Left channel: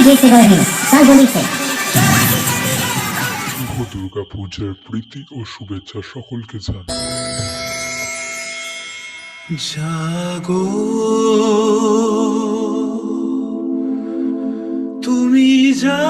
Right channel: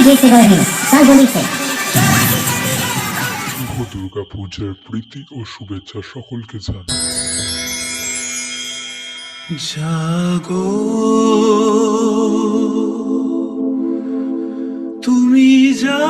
Salvolite. শুভ দুর্গা পূজার প্রীতি ও শুভেচ্ছা সকলকে জানাই জাগো তুমি জাগো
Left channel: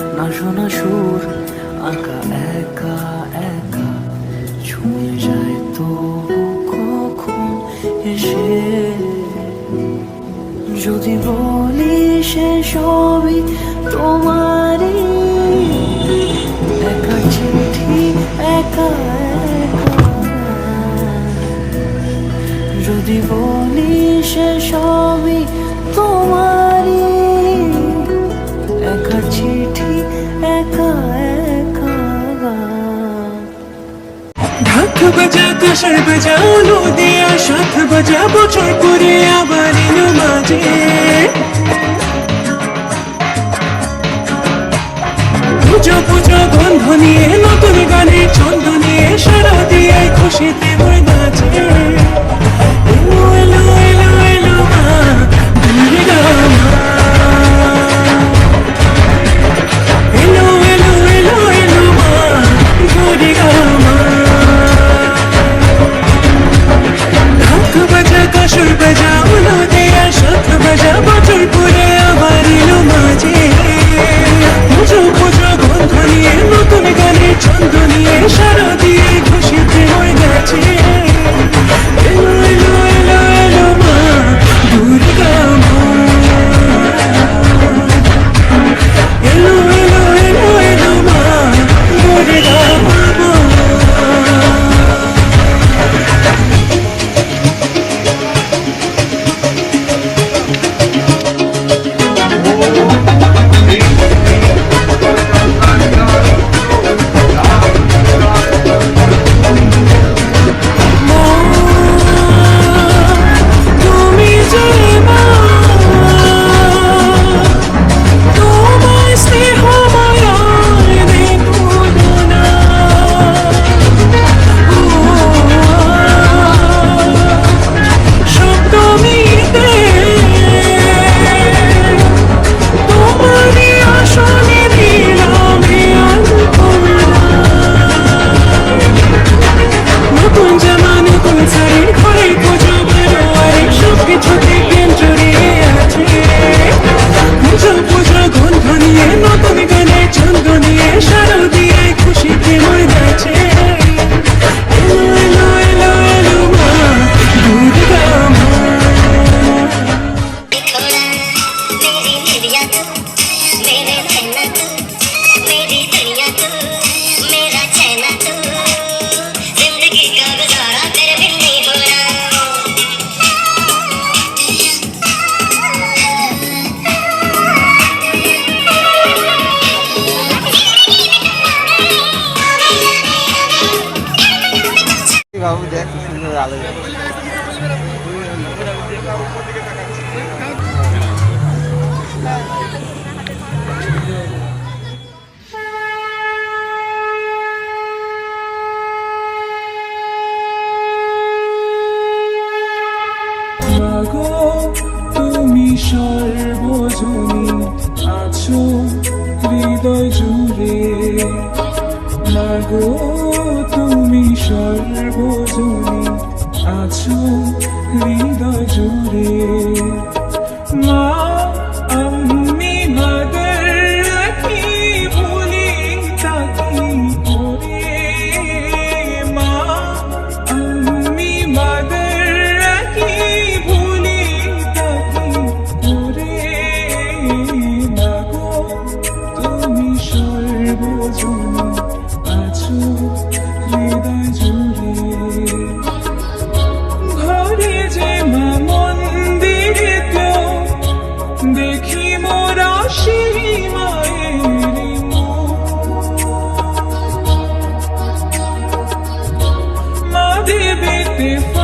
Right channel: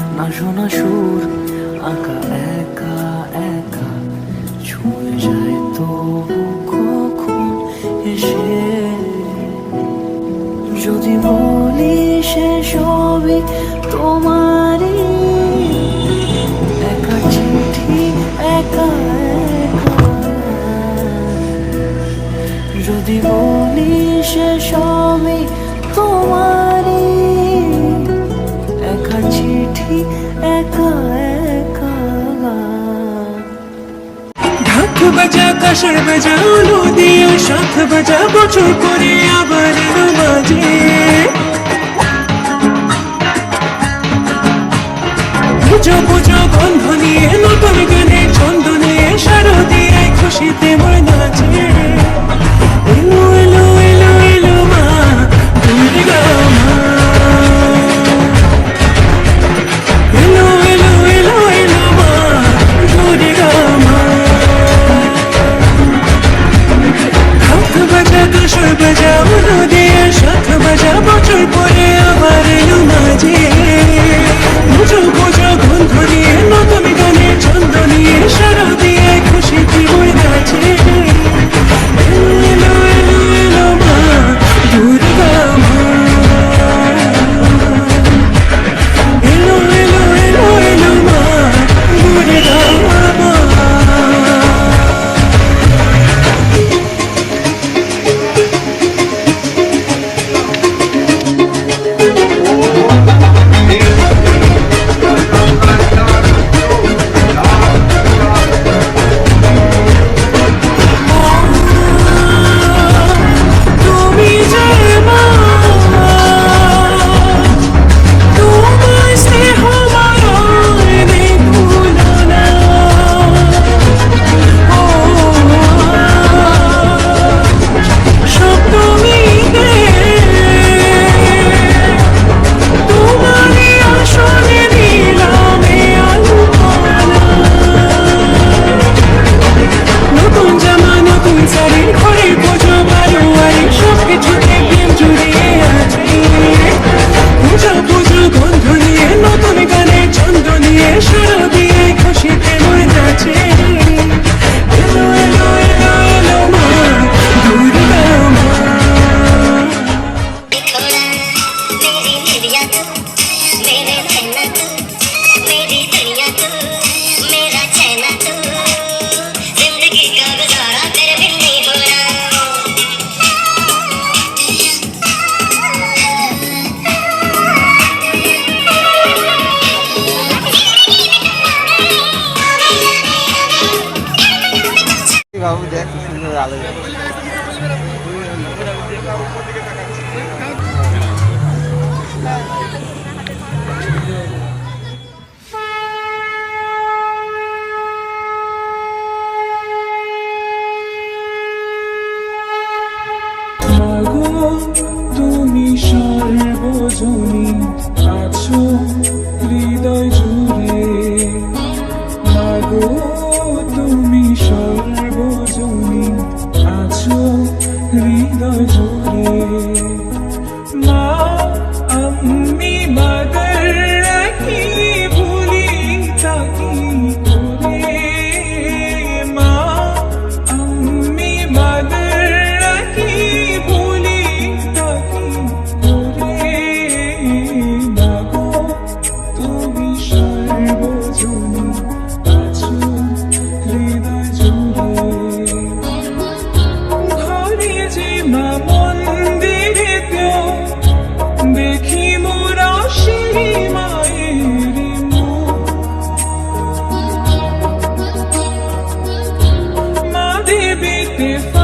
শোনা সুর, আঁকা, একা একা। ছুঁয়ে যায় তবু কখন এসে? যদি বলি সে সবই তোমারই, একা চিঠি, একা একা। যদি বলি সে সবই একা চিঠি একা একা ঢাক বাজা কাশার বাজা নদিয়া সাত বাজা, বছর পরে আবার এলো মাঝে। পুজো বাবু দেখ সুন্দর আলো তুমি সর্বজনী আছো হৃদয় पे